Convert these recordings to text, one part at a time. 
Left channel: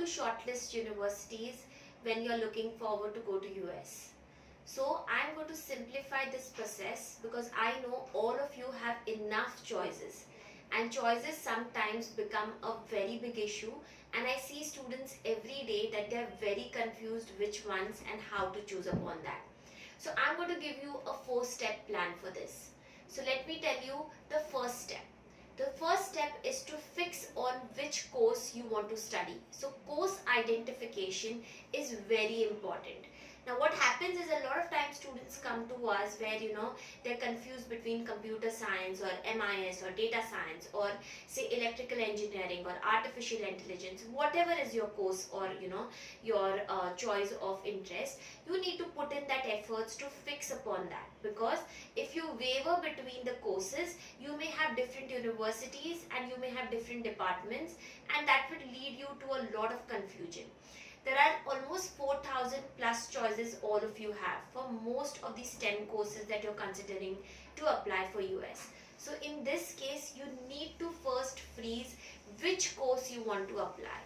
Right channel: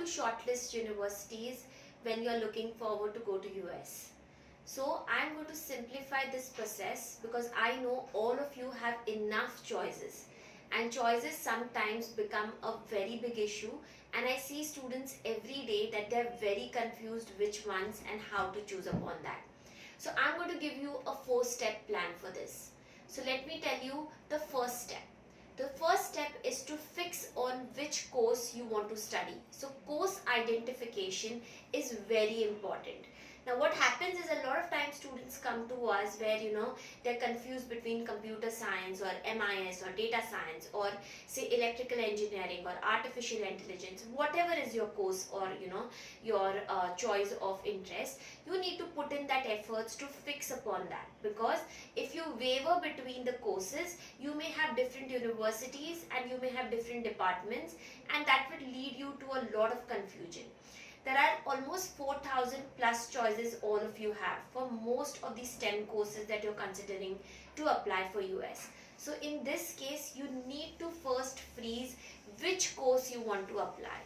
to shortlist universities when you're looking forward to go to US. So I'm going to simplify this process because I know all of you have enough choices, and choices sometimes become a very big issue, and I see students every day that they're very confused which ones and how to choose upon that. So I'm going to give you a 4-step plan for this. So let me tell you the first step. The first step is to fix on which course you want to study. So course identification is very important. Now what happens is a lot of times students come to us where they're confused between computer science or MIS or data science or say electrical engineering or artificial intelligence, whatever is your course or your choice of interest. You need to put in that efforts to fix upon that, because if you waver between the courses, you may have different universities and you may have different departments, and that would lead you to a lot of confusion. There are almost 4,000 plus choices all of you have for most of the STEM courses that you're considering to apply for US. So in this case, you need to first freeze which course you want to apply.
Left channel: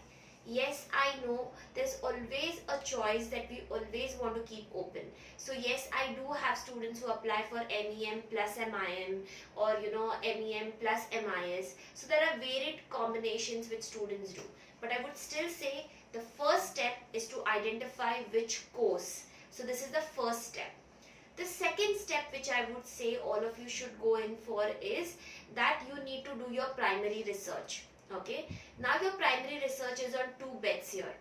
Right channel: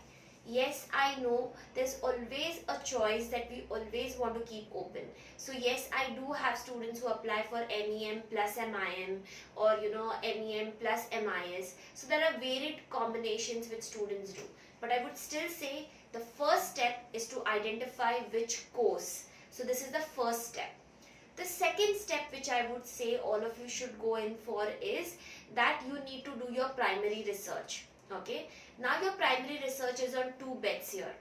Yes, I know there's always a choice that we always want to keep open. So yes, I do have students who apply for MEM plus MIM or MEM plus MIS. So there are varied combinations which students do. But I would still say the first step is to identify which course. So this is the first step. The second step which I would say all of you should go in for is that you need to do your primary research. Okay, now your primary research is on 2 bets here.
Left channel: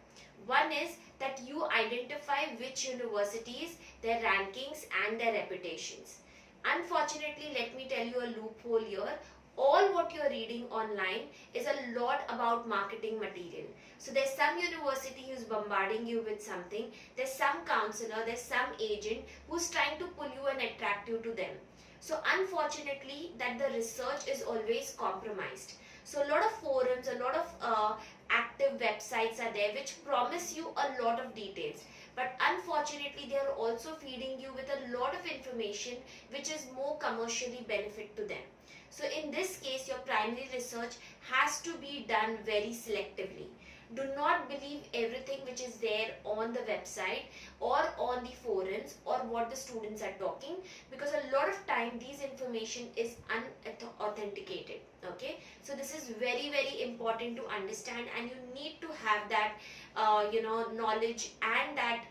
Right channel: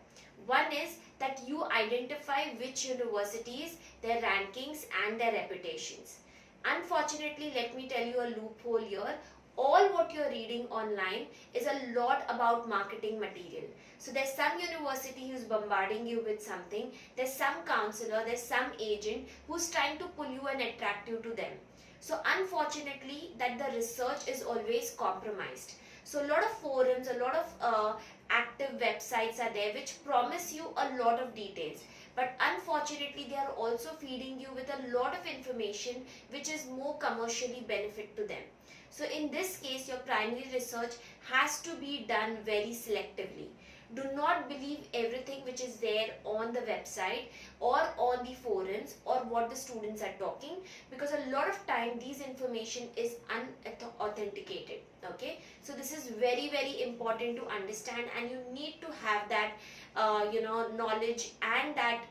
One is that you identify which universities, their rankings and their reputations. Unfortunately, let me tell you a loophole here. All what you're reading online is a lot about marketing material. So there's some university who's bombarding you with something, there's some counselor, there's some agent who's trying to pull you and attract you to them. So unfortunately, that the research is always compromised. So a lot of forums, a lot of active websites are there which promise you a lot of details. But unfortunately, they are also feeding you with a lot of information which is more commercially benefit to them. So in this case, your primary research has to be done very selectively. Do not believe everything which is there on the website or on the forums or what the students are talking, because a lot of time these information is unauthenticated. Okay, so this is very, very important to understand, and you need to have that knowledge and that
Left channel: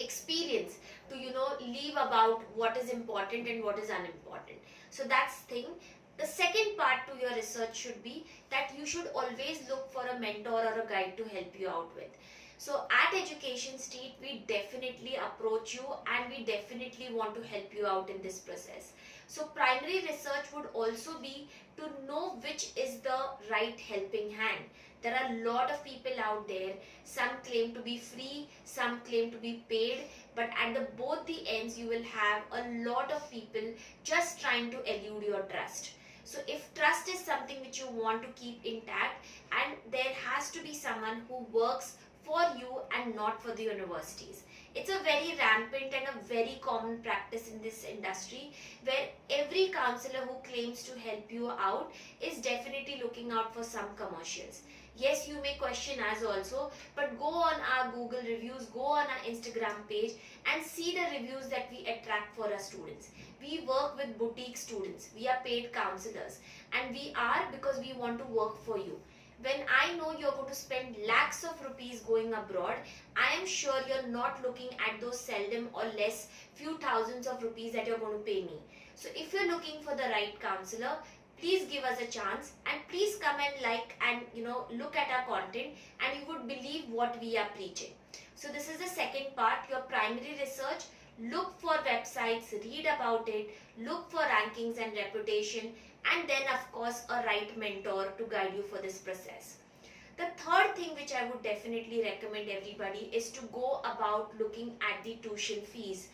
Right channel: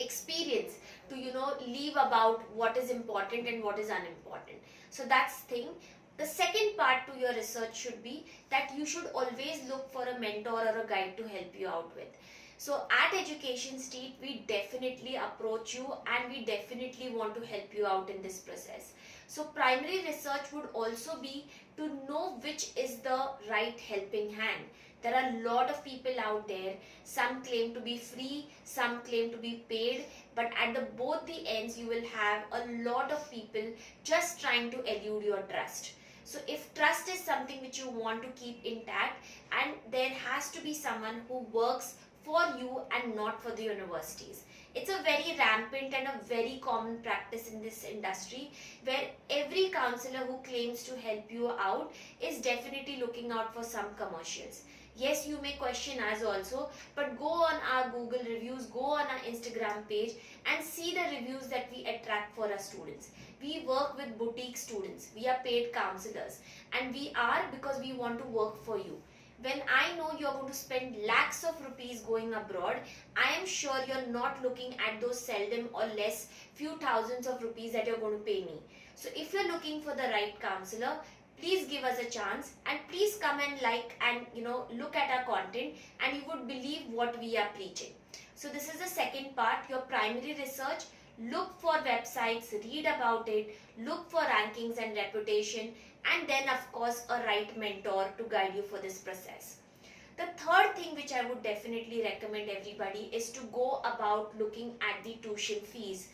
experience to leave about what is important and what is unimportant. So that's thing. The second part to your research should be that you should always look for a mentor or a guide to help you out with. So at Education Street, we definitely approach you and we definitely want to help you out in this process. So primary research would also be to know which is the right helping hand. There are a lot of people out there. Some claim to be free, some claim to be paid, but at both the ends you will have a lot of people just trying to elude your trust. So if trust is something which you want to keep intact, and there has to be someone who works for you and not for the universities. It's a very rampant and a very common practice in this industry, where every counselor who claims to help you out is definitely looking out for some commercials. Yes, you may question us also, but go on our Google reviews, go on our Instagram page and see the reviews that we attract for our students. We work with boutique students, we are paid counselors, and we are because we want to work for you. When I know you're going to spend lakhs of rupees going abroad, I am sure you're not looking at those seldom or less few thousands of rupees that you're going to pay me. So if you're looking for the right counselor, please give us a chance and please come and like and look at our content, and you would believe what we are preaching. So this is the second part, your primary research. Look for websites, read about it, look for rankings and reputation, and then of course a right mentor to guide you for this process. The third thing which I would definitely recommend everybody is to go about looking at the tuition fees.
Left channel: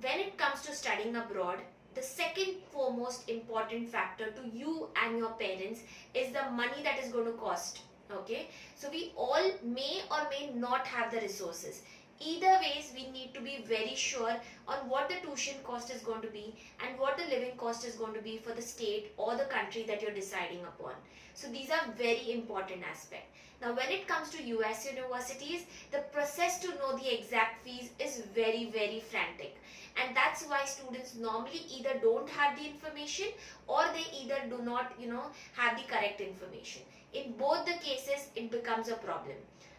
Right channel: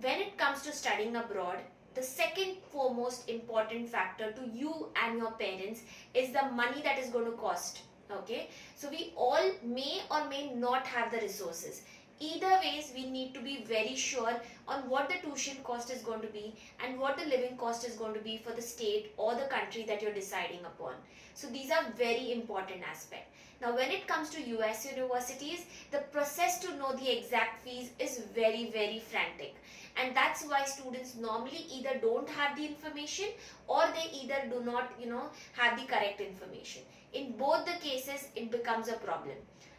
When it comes to studying abroad, the second foremost important factor to you and your parents is the money that is going to cost. Okay, so we all may or may not have the resources. Either ways, we need to be very sure on what the tuition cost is going to be and what the living cost is going to be for the state or the country that you're deciding upon. So these are very important aspects. Now when it comes to US universities, the process to know the exact fees is very, very frantic. And that's why students normally either don't have the information or they either do not, have the correct information. In both the cases, it becomes a problem.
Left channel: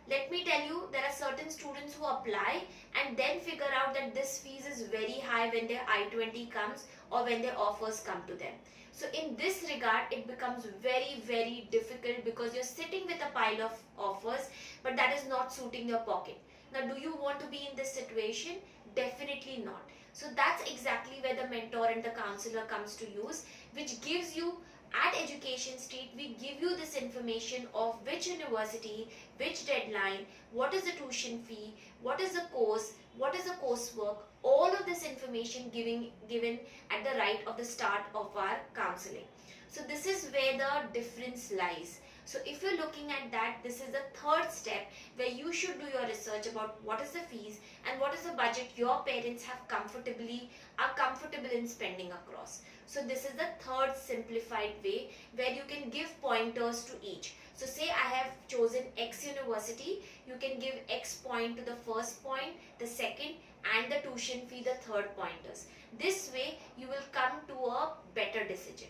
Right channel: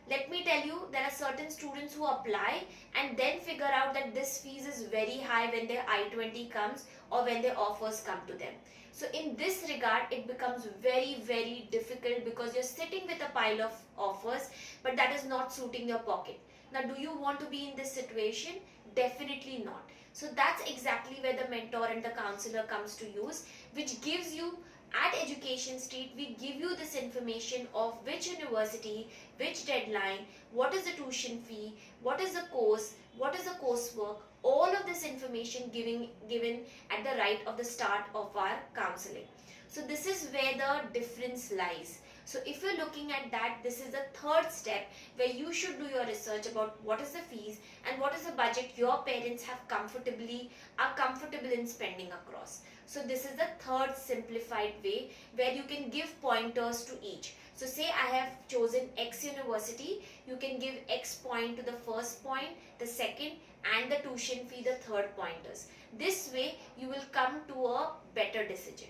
Let me tell you, there are certain students who apply and then figure out that this fees is very high when their I-20 comes or when their offers come to them. So in this regard, it becomes very, very difficult because you're sitting with a pile of offers, but that is not suiting your pocket. Now, do you want to be in this situation? Definitely not. So that's exactly where the mentor and the counselor comes to use, which gives you, at Education Street, we give you this information of which university, which deadline, what is the tuition fee, what is the course, what is the coursework, all of this information given at the right of the start of our counseling. So this is where the difference lies. So if you're looking at that, this is the third step where you should do your research about what is the fees and what is the budget your parents are comfortable in spending across. So this is the third simplified way where you can give pointers to each. So say I have chosen X university, you can give X point to the first point, the second, and the tuition fee, the third pointers. This way you will come to a better decision.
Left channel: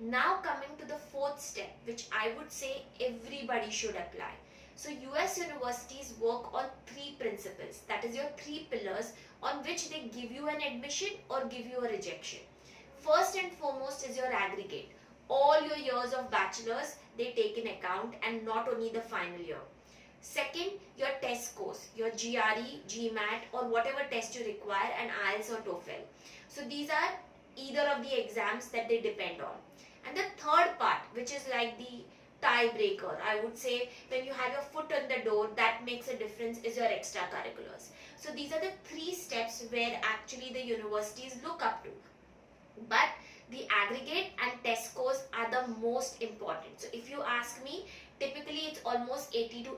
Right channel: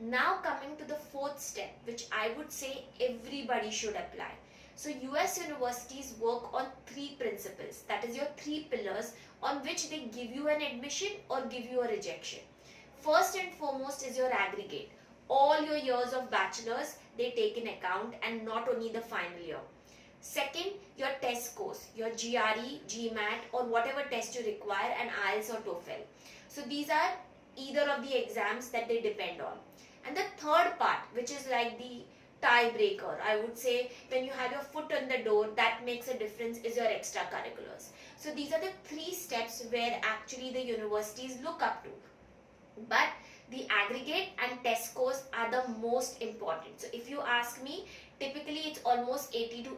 Now coming to the fourth step, which I would say everybody should apply. So US universities work on three principles, that is your three pillars on which they give you an admission or give you a rejection. First and foremost is your aggregate. All your years of bachelor's they take in account and not only the final year. Second, your test scores, your GRE, GMAT or whatever test you require, and IELTS or TOEFL. So these are either of the exams that they depend on. And the third part, which is like the tiebreaker, I would say when you have your foot on the door, that makes a difference, is your extracurriculars. So these are the three steps where actually the universities look up to. But the aggregate and test scores are the most important. So if you ask me, typically it's almost 80 to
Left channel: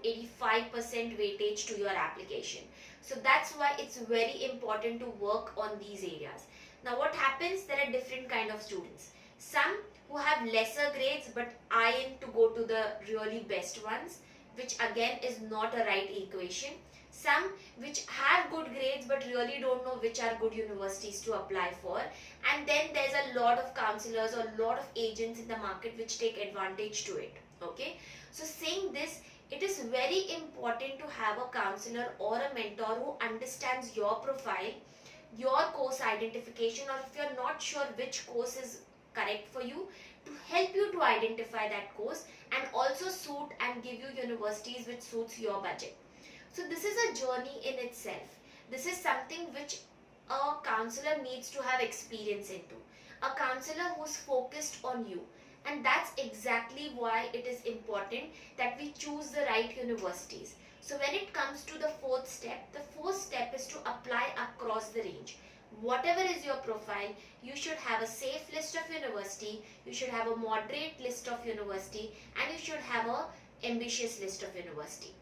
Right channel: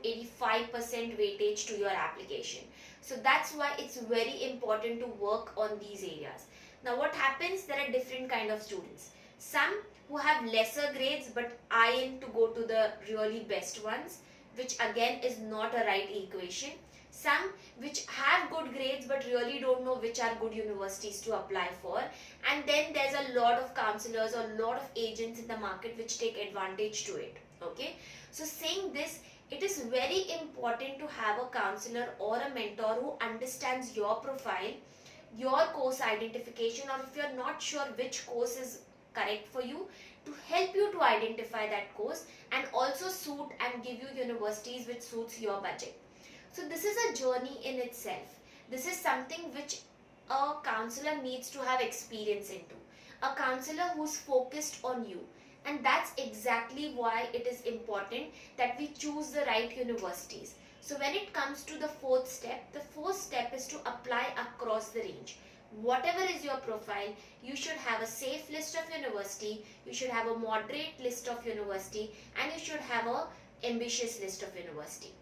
85% weightage to your application. So that's why it's very important to work on these areas. Now what happens, there are different kind of students. Some who have lesser grades but eye to go to the really best ones, which again is not a right equation. Some which have good grades but really don't know which are good universities to apply for. And then there's a lot of counselors or a lot of agents in the market which take advantage to it. Okay. So saying this, it is very important to have a counselor or a mentor who understands your profile, your course identification, or if you're not sure which course is correct for you, to help you to identify that course and also suit and give you universities which suits your budget. So this is a journey in itself. This is something which a counselor needs to have experience into. A counselor who's focused on you. And that's exactly why it is important that we choose the right universities. So when it comes to the fourth step is to apply across the range. Whatever is your profile, you should have a safe list of university, you should have a moderate list of university, and you should have a ambitious list of university.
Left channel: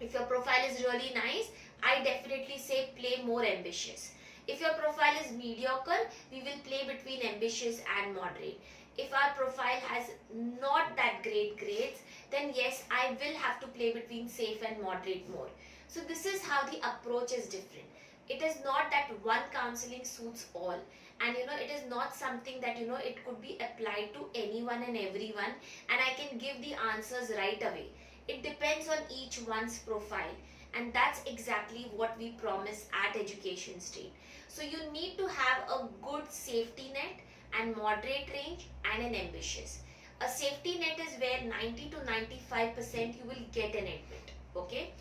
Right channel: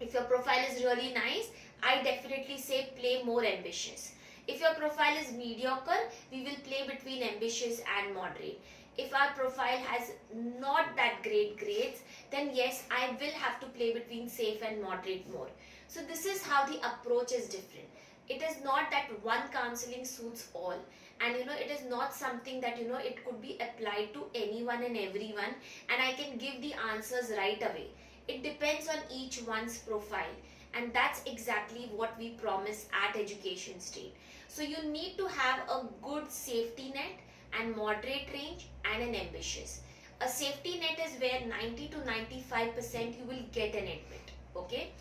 If your profile is really nice, I definitely say play more ambitious. If your profile is mediocre, we will play between ambitious and moderate. If our profile has not that great grades, then yes, I will have to play between safe and moderate more. So this is how the approach is different. It is not that one counseling suits all, and it is not something that it could be applied to anyone and everyone and I can give the answers right away. It depends on each one's profile, and that's exactly what we promise at Education Street. So you need to have a good safety net and moderate range and an ambitious. A safety net is where 90 to 95% you will get an admit, okay?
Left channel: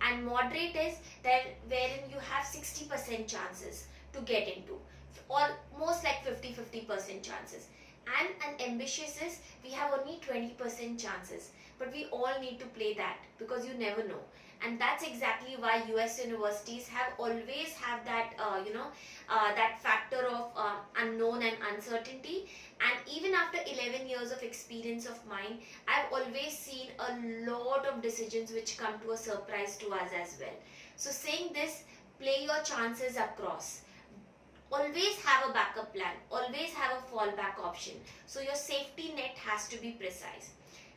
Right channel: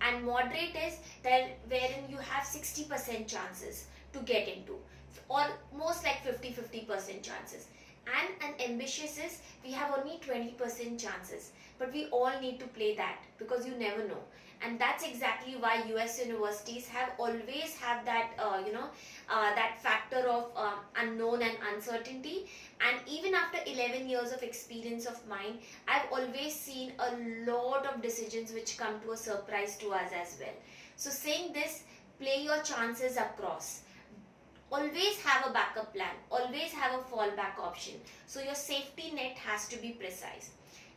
And moderate is that wherein you have 60% chances to get into, or most like 50% chances. And an ambitious is we have only 20% chances, but we all need to play that because you never know. And that's exactly why US universities have always have that that factor of unknown and uncertainty. And even after 11 years of experience of mine, I've always seen a lot of decisions which come to a surprise to us as well. So saying this, play your chances across. Always have a backup plan, always have a fallback option. So your safety net has to be precise.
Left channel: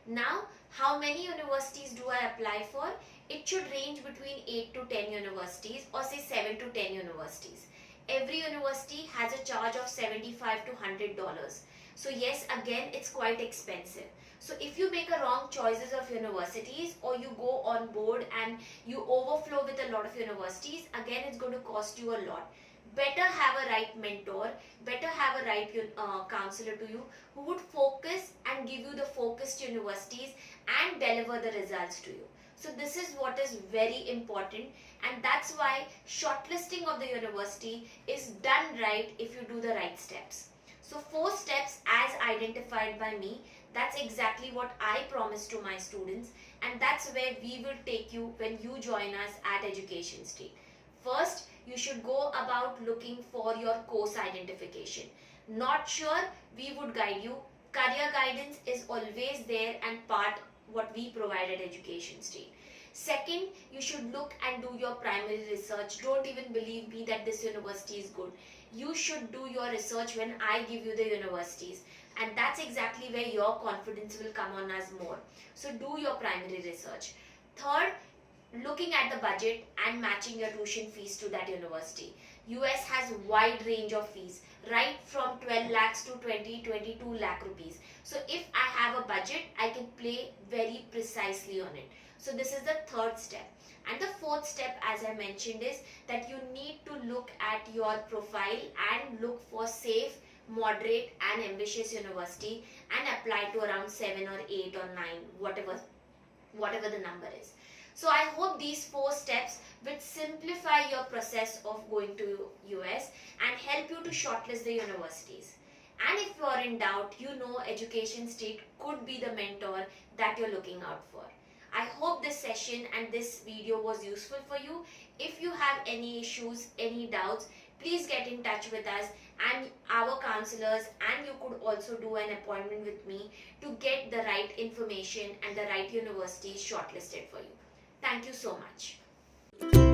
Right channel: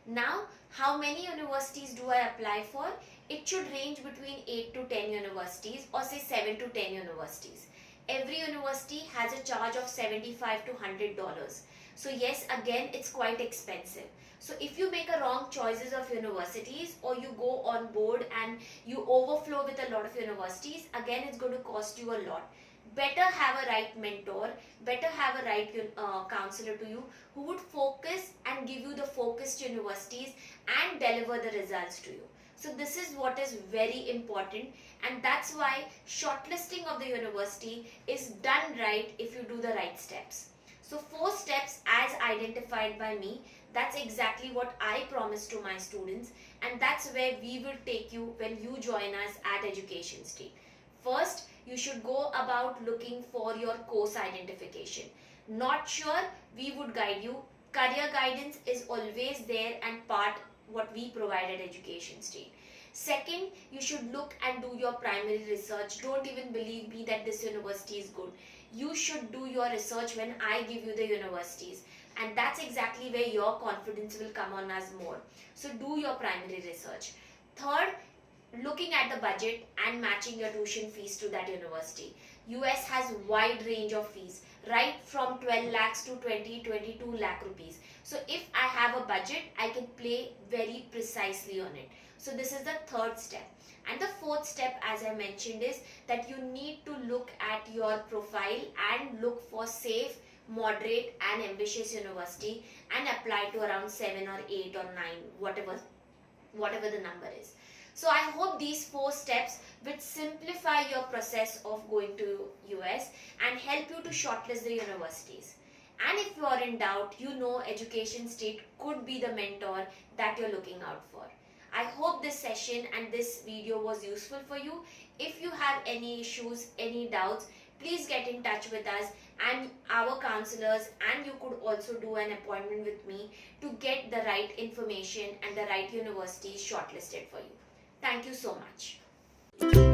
Now, how many universities do I apply for? It should range between 8 to 10 universities, or say 7 to 10 universities. Every university has a charge of $75 to $100. So yes, again, it's quite expensive. So if you make a wrong choices of universities, or you go on board and you overflow with a lot of universities, again it's going to cost you a lot. Better have a right mentor, better have a right counselor to you, who would focus and give you the focused universities and deliver the results to you. So this is what is very important, and that's why shortlisting of the university is done right if you do the right steps. So 4 steps as identified by me, that's exactly what I promise to my students, and that's where we will take you when you join us at Education Street. First, you should go about looking for your course identification. Not sure, we would guide you. Career guidance is always there and part what we provide at Education Street. Second, you should look and do your primary research. Don't even believe me that this university is good. You should do your research when I give you the universities, and that's exactly where your confidence will come on us more. So do your primary research. Third, looking at the budget and matching your tuition fees to that university. US has wide range of fees, right from 12 lakhs to 22 lakh rupees. So if I have a budget, I can play very precisely on it. So this is the third step. And the fourth step, as I mentioned, is that you need to look at your profile and look for safe, moderate and ambitious university and apply to around 7 or 8 or 9, whatever the number is. So I hope these 4 steps will simplify your process of going to US and help you to shortlist the universities. And if you are in doubt, you know Education Street could be the mentor that you're looking out for. I hope this session and this video was useful for you. If you have any issues, any doubts, please get in touch with us and our counselors, and you could also do an appointment with me to get the right information and the right universities shortlisted for you. Thank you so much.